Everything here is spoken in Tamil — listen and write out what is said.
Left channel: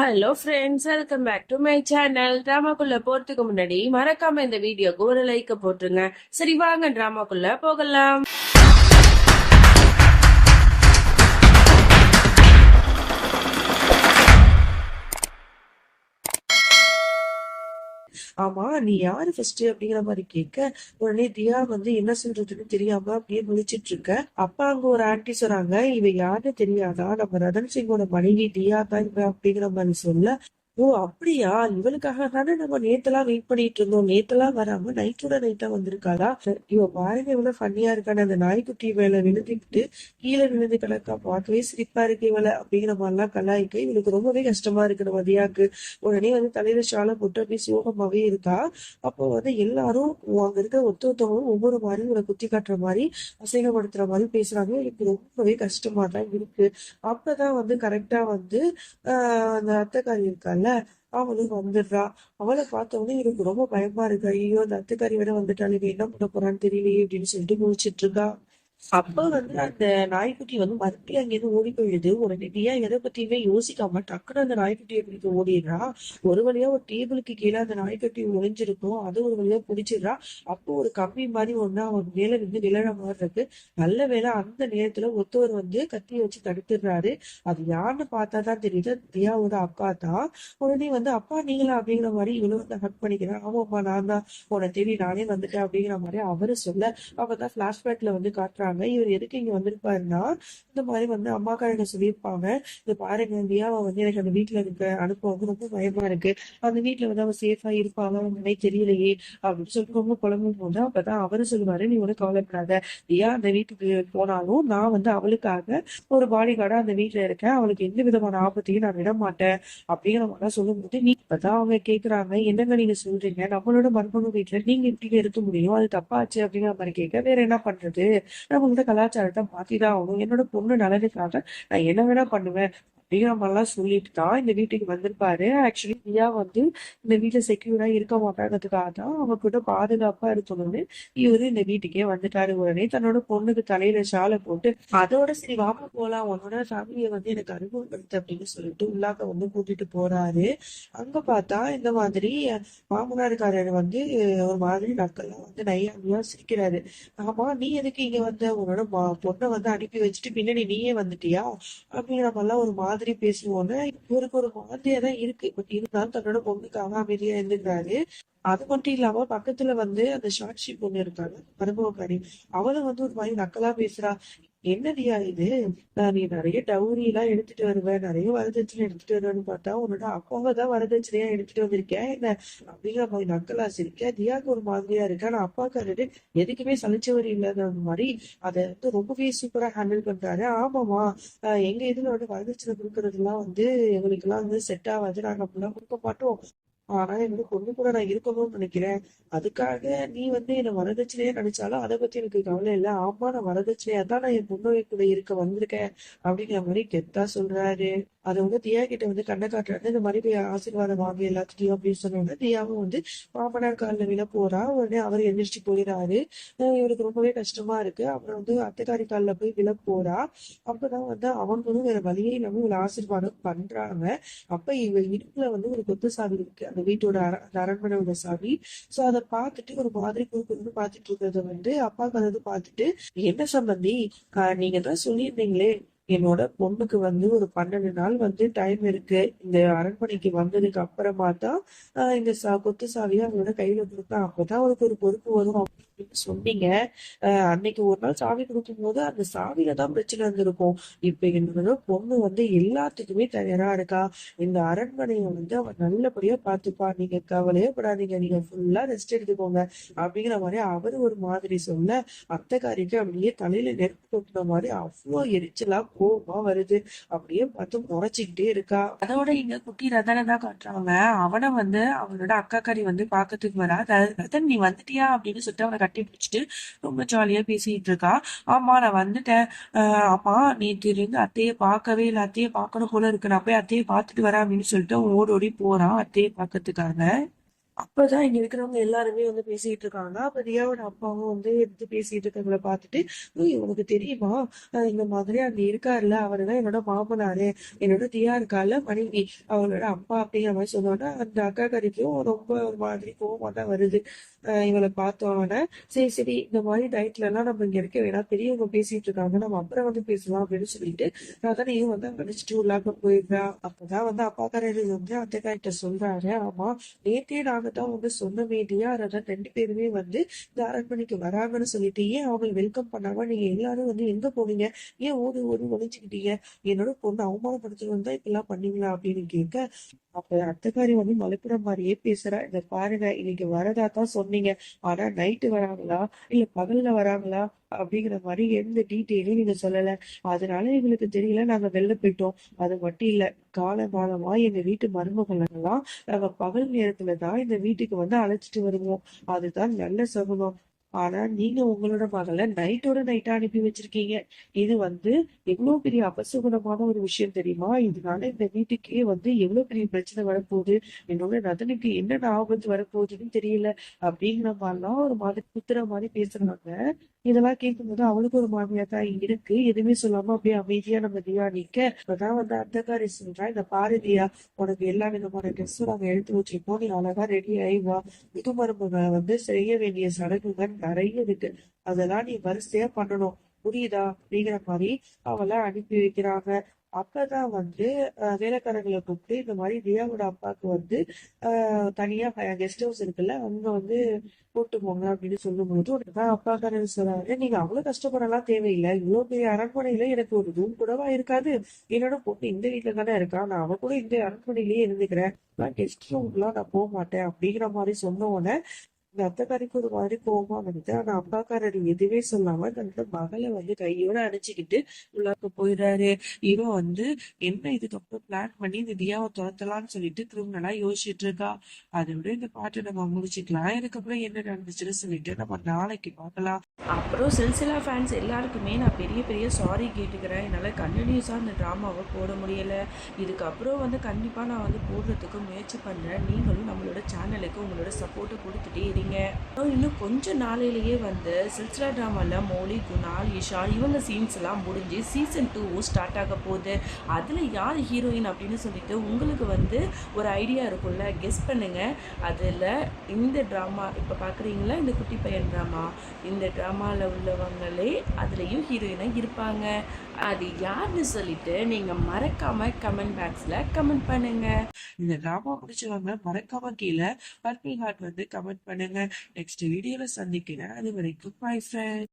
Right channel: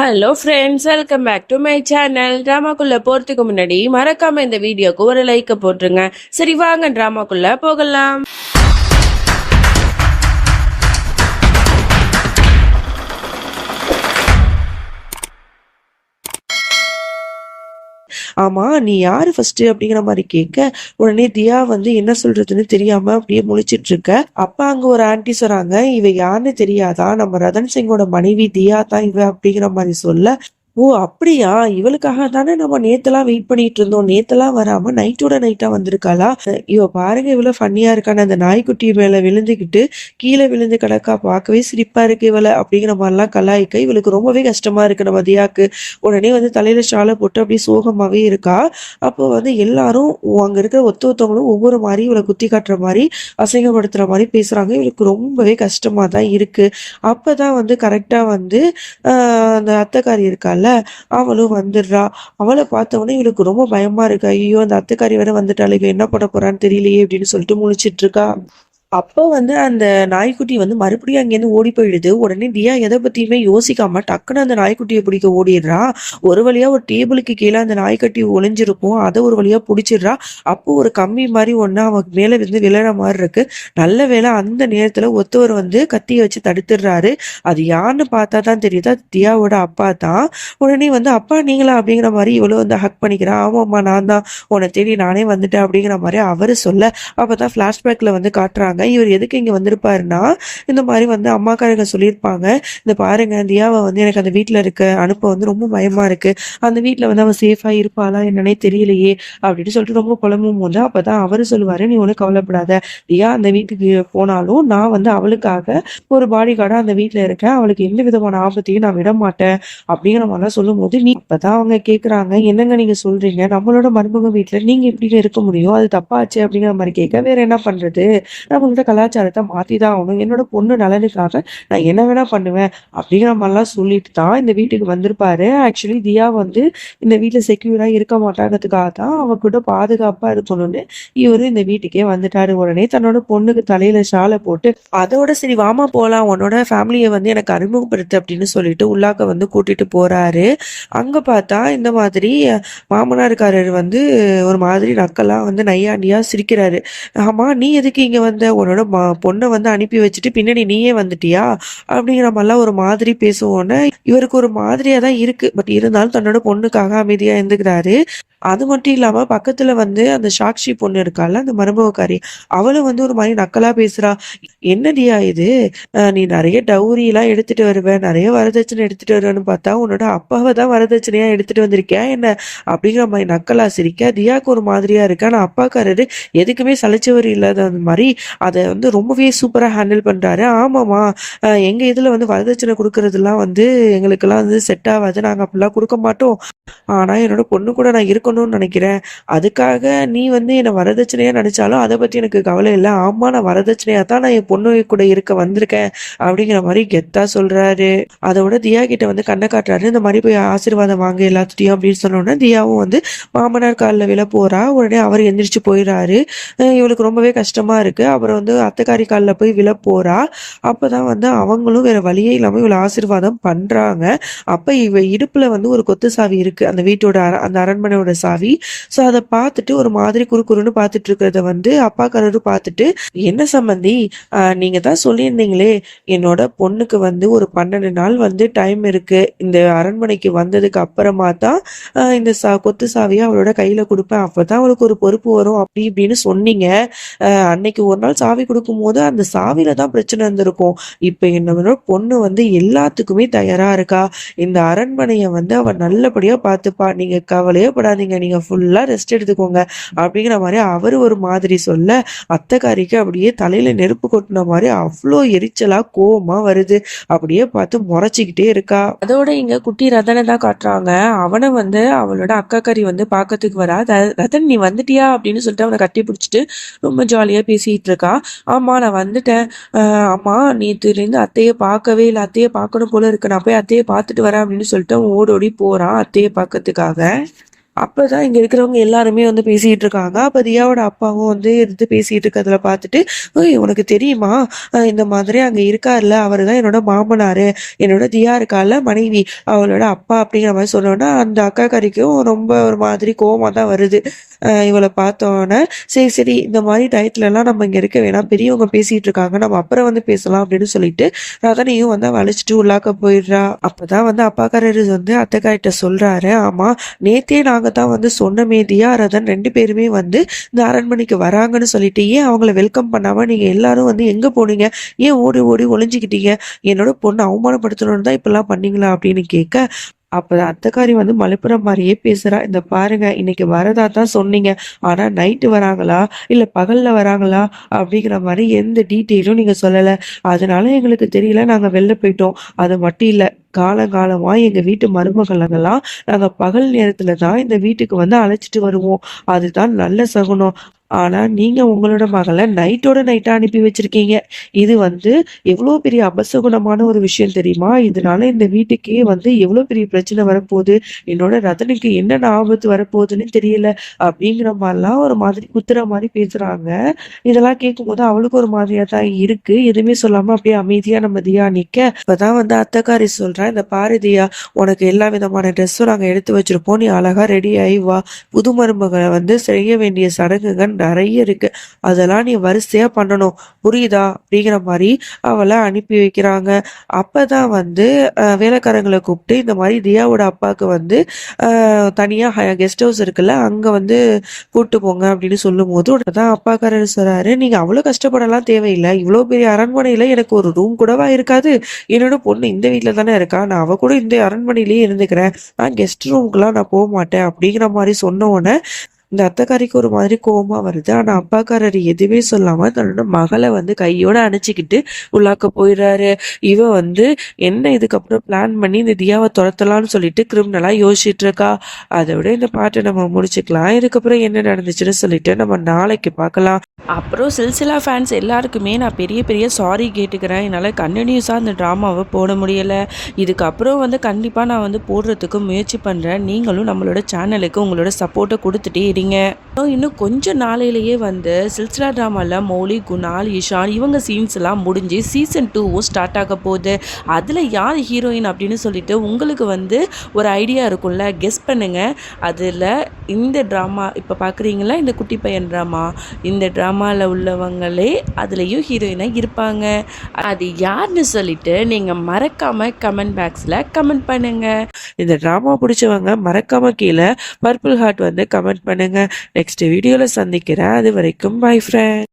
Hello friends, welcome back to my channel. ட்ராமாக்குள்ள போறதுக்கு முன்னாடி மறக்காம இந்த வீடியோக்கு ஒரு லைக் போட்டுருங்க. சரி, வாங்க ட்ராமாக்குள்ள போகலாம். ஆமா, நீ யாரு ஃபர்ஸ்ட் அப்படிங்கிற மாதிரி கேட்க, உடனே தியா வந்து என்ன சொல்றதுன்னு தெரியாம அப்படியே முழிச்சிட்டு இருக்க. அப்ப அங்க ஒரு ஆன்ட்டி சொல்றாங்க, இவ யாருன்னு தெரியாதா, நம்ம ரதன் சிங்கோட மனைவி தியா தான் இவ அப்படிங்கிற மாதிரி சொல்ல, ஓ அப்படியா, இவளுக்காக தானே நம்ம நேத்தெல்லாம் வெயிட் பண்ணிட்டு இருந்தோம், நேத்தெல்லாம் வராம நைட்டோட நைட்டா வந்திருக்காளா, இவ பாருங்க இவ்வளவு ஃபன்னியா இருக்கான்னு அந்த நாய்க்குட்டி மேல விழுந்துகிட்டு கீழே விழுந்து கிடக்கா, பார்க்கவே சிரிப்பா இருக்கு இவளை அப்படிங்கிற மாதிரிலாம் கலாய்க்க இவளுக்கு ரொம்பவே கஷ்டமா இருக்கு நம்ம தியாக்கு. உடனே வந்து தலையில ஷாலை போட்டு அப்படியே சோகமாவே இருக்கா. அப்போ வந்து எல்லாரும் அங்க இருக்கிற ஒருத்தவங்களும் ஒவ்வொரு மாதிரி இவளை குத்தி காட்டுற மாதிரி அசிங்கப்படுத்துற மாதிரி பேசுறாங்க. இவளுக்கு ரொம்பவே கஷ்டமா தான் இருக்கு. அப்பதான் வந்து கரெக்டா வந்து அந்த அத்தைக்காரி இருக்கால, அவளும் வந்துடுறா. அவளை பார்த்த உடனே இவளுக்கு ரொம்ப பயமா இருக்கு. ஐயோ, அந்த அத்தைக்காரி வேற வந்துட்டாள், இவ என்ன பண்ண போறான்னு தெரியலையே அப்படின்னு சொல்லிட்டு முழிச்சிட்டு இருக்கா. அப்ப வந்து அந்த நாய்க்குட்டி வந்து மறுபடியும் அங்கேருந்து ஓடி போயிடுது. உடனே தியா எதை பத்தியுமே யோசிக்காம டக்குன்னு அந்த நாய்க்குட்டியை பிடிக்க ஓடிடுறா. ஒரு வழியா ஒரு டேபிளுக்கு கீழே அந்த நாய்க்குட்டி ஒளிஞ்சிருக்கும், அதை ஒரு வழியா பிடிச்சிடுறா. அப்போ ஒரு கம்பி மாதிரி ஒண்ணு அவன் மேல இருந்து விழற மாதிரி இருக்கு. நல்ல வேளை அந்த நேரத்துல ஒருத்தவர் வந்து கத்தியை வச்சு தடுத்துடுறாரு. அது யாருன்னு பார்த்தா தான் தெரியுது, அது தியாவோட அப்பா தான். உடனே வந்து அப்பா நீங்களா அப்படிங்கிற மாதிரி இவ்வளவு வந்து ஹக் பண்ணிக்கிறா. ஆமாம்மா நான் தான், உன்னை தேடி நானே வந்துட்டேன் அப்படிங்கிற மாதிரி அவரு சொல்ல, அப்பதான் பிளாஷ்பேக்ல வந்து காட்டுறாங்க இவர் எதுக்கு இங்க வந்திருப்பாருன்னா, இந்த மாதிரி வந்து அம்மாக்காரங்க சொல்லியிருப்பாங்க, இந்த பாருங்க தியாவை வந்து எனக்கு அந்த வீட்டுல இருக்க அனுப்ப வந்து ரொம்ப பயமா இருக்கு, அந்த வீட்டுல வந்து அவன் சேஃபா இருப்பாளா என்னன்னே தெரியலையே அப்படின்னு சொல்லிட்டு ரொம்ப புலம்பும் போது அப்பதான் அவரு சொல்லுவாரு, நீ ஒன்றும் கவலைப்படாத, தியா அந்த வீட்டுக்கு போனாலும் நான் வந்து அவளுக்காக ஒரு பாடி கார்டா அந்த வீட்டுல இருக்கேன், அவளுக்கு எந்த விதமான ஆபத்தையும் நான் விட மாட்டேன் அப்படிங்கிற மாதிரிலாம் சொல்லும் போது, நீ இப்பதான் அவங்க கேக்குறாங்க, என்னங்க நீங்க சொல்றீங்க, நம்மளோட மருமக வீட்டுல நீங்க எப்படி இருக்க முடியும், அது தப்பாச்சு அப்படிங்கிற மாதிரி கேட்க, வேற என்ன பண்றது, நம்மளோட கலாச்சாரத்தை மாத்தி தான் ஆகணும், என்னோட பொண்ணு நலனுக்காக நான் என்ன வேணா பண்ணுவேன் அப்படிங்கிற மாதிரிலாம் சொல்லிட்டு தான் இந்த வீட்டுக்கு வந்திருப்பாரு. ஆக்சுவலி தியா வந்து இந்த வீட்டுல செக்யூரா இருக்க மாட்டாங்கிறதுக்காக தான் அவ கூட பாதுகாப்பா இருக்கணும்னு இவரு இந்த வீட்டுக்கே வந்துட்டாரு. உடனே தன்னோட பொண்ணுக்கு தலையில ஷாலை போட்டு, அதோட சரி வாமா போலாம், உன்னோட ஃபேமிலியை வந்து எனக்கு அறிமுகப்படுத்து அப்படின்னு சொல்லிட்டு உள்ளாக்க வந்து கூட்டிட்டு போறாரு. அங்க பார்த்தா இந்த மாதிரி மாமனாருக்காரர் வந்து ஒரு மாதிரி நக்கலா வந்து நையாண்டியா சிரிக்கிறாரு. ஆமா, நீ எதுக்கு இங்க வந்த, உன்னோட பொண்ணை வந்து அனுப்பி வச்சுட்டு பின்னாடி நீயே வந்துட்டியா அப்படிங்கிற மாதிரிலாம் ஒரு மாதிரி பேசுவோன்னு இவருக்கு ஒரு மாதிரியா தான் இருக்கு. பட் இருந்தாலும் தன்னோட பொண்ணுக்காக அமைதியா இருந்துக்கிறாரு. அது மட்டும் இல்லாம பக்கத்துல வந்து அந்த சாக்ஷி பொண்ணு இருக்கால, அந்த மருமகக்காரி, அவளும் வந்து ஒரு மாதிரி நக்கலா பேசுறா. என்னடியா இது, நீ நிறைய டவுரி எல்லாம் எடுத்துட்டு வருவ, நிறைய வரதட்சணை எடுத்துட்டு வருவேன்னு பார்த்தா உன்னோட அப்பாவை தான் வரதட்சணையா எடுத்துட்டு வந்திருக்கியா என்ன அப்படிங்கிற மாதிரி நக்கலா சிரிக்க, தியாக்கு ஒரு மாதிரியா இருக்கு. ஆனா அப்பாக்காரரு எதுக்குமே சலிச்சவர் இல்லாத அந்த மாதிரி அதை வந்து ரொம்பவே சூப்பரா ஹேண்டில் பண்றாரு. ஆமாமா, எங்க இதுல வந்து வரதட்சணை கொடுக்கறதுலாம் வந்து எங்களுக்கெல்லாம் வந்து செட் ஆகாது, நாங்க அப்படிலாம் கொடுக்க மாட்டோம், ஆனா என்னோட பொண்ணு கூட நான் இருக்கணும்னு நினைக்கிறேன், அதுக்காக நீ வந்து என்னை வரதட்சணையா நினைச்சாலும் அதை பத்தி எனக்கு கவலை இல்லை, ஆமா நான் வரதட்சணையா தான் நான் என் பொண்ணு கூட இருக்க வந்திருக்கேன் அப்படிங்கிற மாதிரி கெத்தா சொல்றாரு. அதோட தியா கிட்ட வந்து கண்ணை காட்டுறாரு, இந்த மாதிரி போய் ஆசீர்வாதம் வாங்க எல்லாத்துட்டையும் அப்படின்னு சொன்னோன்னா தியாவும் வந்து மாமனார் காலில் விழ போறா. உடனே அவர் எந்திரிச்சு போயிடுறாரு. இவளுக்கு ரொம்பவே கஷ்டமா இருக்கு. அப்புறம் வந்து அத்தைக்காரி காலில் போய் விழ போறா. அப்பதான் வந்து அவங்களும் வேற வழியே இல்லாம இவளை ஆசீர்வாதம் பண்றாங்க. அப்ப இவ இடுப்புல வந்து ஒரு கொத்து சாவி இருக்கு, அந்த வீட்டோட அந்த அரண்மனையோட சாவி. ஸோ அதை பார்த்துட்டு ஒரு மாதிரி குறுகுறுன்னு பார்த்துட்டு இருக்கிறத வந்து அப்பாக்காரரும் பார்த்துட்டு, என்ன சம்மந்தி, நீங்க தான் சொல்லியிருந்தீங்களே என்னோட பொண்ணுக்கு வந்து ஒரு 12 நாள் வந்து டைம் இருக்கு, இந்த அரண்மனைக்கு வந்ததுக்கு அப்புறமா தான் இந்த கொத்து சாவியை அவளோட கையில கொடுப்பேன், அப்பதான் அவளுக்கு ஒரு பொறுப்பு வரும் அப்படி இப்படின்னு சொன்னீங்க. அன்னைக்கு ஒரு நாள் சாவி கொடுக்கும்போது அந்த சாவியில தான் பிரச்சனை இருந்திருக்கும். இப்ப என்னோட பொண்ணு வந்து எல்லாத்துக்குமே தயாரா இருக்கா, இந்த அரண்மனையை வந்து அவ நல்லபடியா பார்த்துப்பா, நீங்க கவலையே படாதீங்க, நீங்க ஃபுல்லா ரெஸ்ட் எடுத்துக்கோங்க அப்படிங்கிற மாதிரி அவரு ஒரு மாதிரி சொல்ல, அத்தைக்காரிக்கு அப்படியே தலையில நெருப்பு கொட்டின மாதிரி அவ்வளோ எரிச்சலா கோவமா வருது. அப்படியே பார்த்து முறைச்சிக்கிட்டே இருக்கா. அதோட இங்க குட்டி ரதனை தான் காட்டுறாங்க. அவனை வந்து அவளோட அக்காக்காரி வந்து பார்க்கறதுக்கு வரா. ரதன் நீ வந்துட்டியா அப்படின்னு சொல்லிட்டு அவனை கட்டி பிடிச்சிட்டு ரொம்ப ஜாலியா பேசிட்டு இருக்கா. ஆமா நான் வந்துட்டேன், அம்மா நேற்றுலேருந்து அத்தையை பார்க்கவே இல்லை, அத்தையை பார்க்கணும் போல இருக்கு, நான் போய் அத்தையை பார்த்துட்டு வரேன் அப்படின்னு சொல்லிட்டு அவன் ஓடோடி போறான் அத்தையை பார்க்கறதுக்காக. அப்பதான் இங்க இருக்கிறவங்க எல்லாருமே வந்து பேசிட்டு இருக்காங்க. அப்ப தியாவோட அப்பாவும் வந்து இருந்து பேசிட்டு இருக்கிறத பார்த்துட்டு, "ஓய் உனக்கு தெரியுமா? இந்த மாதிரி அங்க இருக்கார்ல, அவரு தான் என்னோட மாமனாரு. என்னோட தியா இருக்கால்ல மனைவி, அவளோட அப்பா." அப்படிங்கிற மாரி சொன்னோனே, அந்த அக்காக்காரிக்கும் ரொம்ப ஒரு மாதிரி கோவமா தான் வருது. இவள பார்த்தோனே, "சரி, சரி இந்த மாரி டயத்துலலாம் நம்ம இங்க இருக்க வேணாம். பெரியவங்க பேசிட்டு இருக்காங்க. நம்ம அப்புறம் வந்து பேசலாம்." அப்படின்னு சொல்லிட்டு, ரதனையும் வந்து அவ அழைச்சுட்டு உள்ளாக்க போயிடுறா. அப்பதான் வந்து அப்பாக்காரரு வந்து அத்தைக்காரிட்ட சொல்றாரு, "ஆமா, நேத்தே நாங்க தான் வந்து சொன்னோமே தியா, ரதன் 2 பேருமே வந்து இந்த அரண்மனைக்கு வராங்கன்னு சொல்லிட்டு, ஏன் அவங்கள வெல்கம் பண்ணாம நீங்க எல்லாரும் வந்து எங்க போனீங்க? ஏன் ஓடி ஓடி ஒளிஞ்சுக்கிட்டீங்க? என்னோட பொண்ண அவமானப்படுத்தணும்னு தான் இப்படிலாம் பண்ணீங்களா?" அப்படின்னு கேட்க, அப்ப அத்தைக்காரி வந்து மழுப்புற மாரியே பேசுறா. "இந்த பாருங்க, இன்னைக்கு வரதா தான் சொன்னீங்க. ஆனா நைட்டு வராங்களா? இல்ல பகல்ல வராங்களா? அப்படிங்கிற மாரி எந்த டீட்டெயிலும் நீங்க சொல்லல. அதனால எங்களுக்கு தெரியல. நாங்க வெளில போயிட்டோம். அது மட்டும் இல்ல. காலங்காலமா எங்க வீட்டு மருமகளெல்லாம் நாங்க பகல் நேரத்துல தான் இந்த வீட்டுக்கு வந்து அழைச்சிட்டு வருவோம். அதுதான் நல்ல சகுனம். ஆனா நீங்க உங்களோட மகள நைட்டோட நைட்டா அனுப்பி வச்சிருக்கீங்க. இது வந்து எவ்வளோ பெரிய அபசகுனமான ஒரு விஷயம் தெரியுமா? இதனால இந்த வீட்டுக்கே வந்து எவ்வளோ பெரிய பிரச்சனை வரப்போது. என்னோட ரதனுக்கு என்னென்ன ஆபத்து வரப்போகுதுன்னு தெரியல." அப்படிங்கிற மாரிலாம் ஒரு மாதிரி குத்துற மாரி பேசுறாங்க. இதெல்லாம் கேட்கும்போது அவளுக்கு ஒரு மாதிரியா தான் இருக்கு. எதுவுமே சொல்லாம அப்படியே அமைதியா நம்ம தியா நிக்க, அப்பதான் வந்து அத்தக்காரி சொல்றா, "இந்த பாரு தியா, உனக்கு எல்லா விதமான ட்ரெஸ்ஸும் நாங்க எடுத்து வச்சிருப்போம். நீ அழகா ரெடி ஆயி வா. புது மருமகள வந்து செய்ய வேண்டிய சடங்குகள் நெறைய இருக்கு. அதெல்லாம் நீ வரிசையா பண்ணணும். புரியுதா?" அப்படிங்கிற மாரி அவள அனுப்பி வைக்கிறாங்க. அப்பதான் வந்து வேலைக்காரங்கள கூப்பிட்டு இந்த மாரி தியாவோட அப்பாவுக்கு வந்து தனியா கெஸ்ட் ஹவுஸ் இருக்குல்ல, அங்க வந்து கூட்டு போங்க அப்படின்னு சொல்லும்போது, உடனே அப்பாக்காரரு சொல்றாரு, "நீங்க அவ்வளோ கஷ்டப்படலாம் தேவையில்ல. இவ்வளோ பெரிய அரண்மனையில எனக்கு ஒரு ரூம் கூடவா இருக்காது? என்னோட பொண்ணு இந்த வீட்ல தானே இருக்கா. நான் அவ கூட இந்த அரண்மனையிலேயே இருந்துக்கிறேன். நான் கெஸ்ட் ரூம்க்குலாம் நான் போமாட்டேன்." அப்படிங்கிற மாரி சொன்ன உடனே இந்த அத்தைக்காரிக்கு ஒரு மாதிரி கோவமா வருது. ஆனா அப்பாக்காரர் எதுவுமே சொல்லாம தன்னோட மகள வந்து கையோட அணைச்சுக்கிட்டு உள்ளாக்க போயிடுறாரு. இவ வந்து என்ன இதுக்கப்புறம் பிளான் பண்ணி இந்த தியாவ தொரத்தலாம்னு சொல்லிட்டு கிரிமினலா யோசிச்சுட்டு இருக்கா. அத விட இந்த பாட்ட நம்ம முடிச்சுக்கலாம். இதுக்கப்புறம் என்ன நடந்துச்சுன்னு சொல்லிட்டு நம்ம நாளைக்கு பார்க்கலாம். அப்புறம் சில்சிலா ஃபேன்ஸ் எல்லாருக்குமே நான் பெரிய பெரிய சாரி கேட்டுக்கிறேன். என்னால் கன்டினியூஸாக அந்த ட்ராமாவை போட முடியலை. இதுக்கப்புறம் வந்து கண்டிப்பாக நான் வந்து போடுறதுக்கு முயற்சி பண்ணுறேன். நீங்களும் நம்மளோட சேனலுக்கு உங்களோட சப்போர்ட்டை கொடுத்துட்டே இருங்க. இன்னும் கொஞ்சம் நாளையிலேயே வந்து சில்சிலா ட்ராமாவில் மௌலி, குணால், இஷான் இவங்க சீன்ஸ் எல்லாம் முடிஞ்சு சீசன் 2வும் ஸ்டார்ட் ஆக போகுது. அதில் யார் ஹீரோயின் அப்படின்னு சொல்லிட்டு உங்களுக்கு வந்து ஒரு ஐடியா இருக்கும்ல, கெஸ் பண்ணுங்கள். அதில் இந்த ட்ராமா இப்போ பார்க்குறீங்களா, இந்த குட்டி பையன் ட்ராமா, இந்த ட்ராமாவில் உள்ளவங்களே அதுலேயும் ஹீரோயினாக இருப்பாங்க. அது யாருன்னு சொல்லிட்டு நீங்கள் மறக்காமல் கமெண்ட் பாக்ஸில் கமெண்ட் பண்ணுங்கள். இந்த ட்ராமா பிடிச்சவங்க மறக்காம கீழ பர்பிள் ஹார்ட் வந்து கமெண்ட் பண்ணுங்க. நெக்ஸ்ட் வீடியோல சந்திக்கிறேன். அது வரைக்கும் பை ஃப்ரெண்ட்.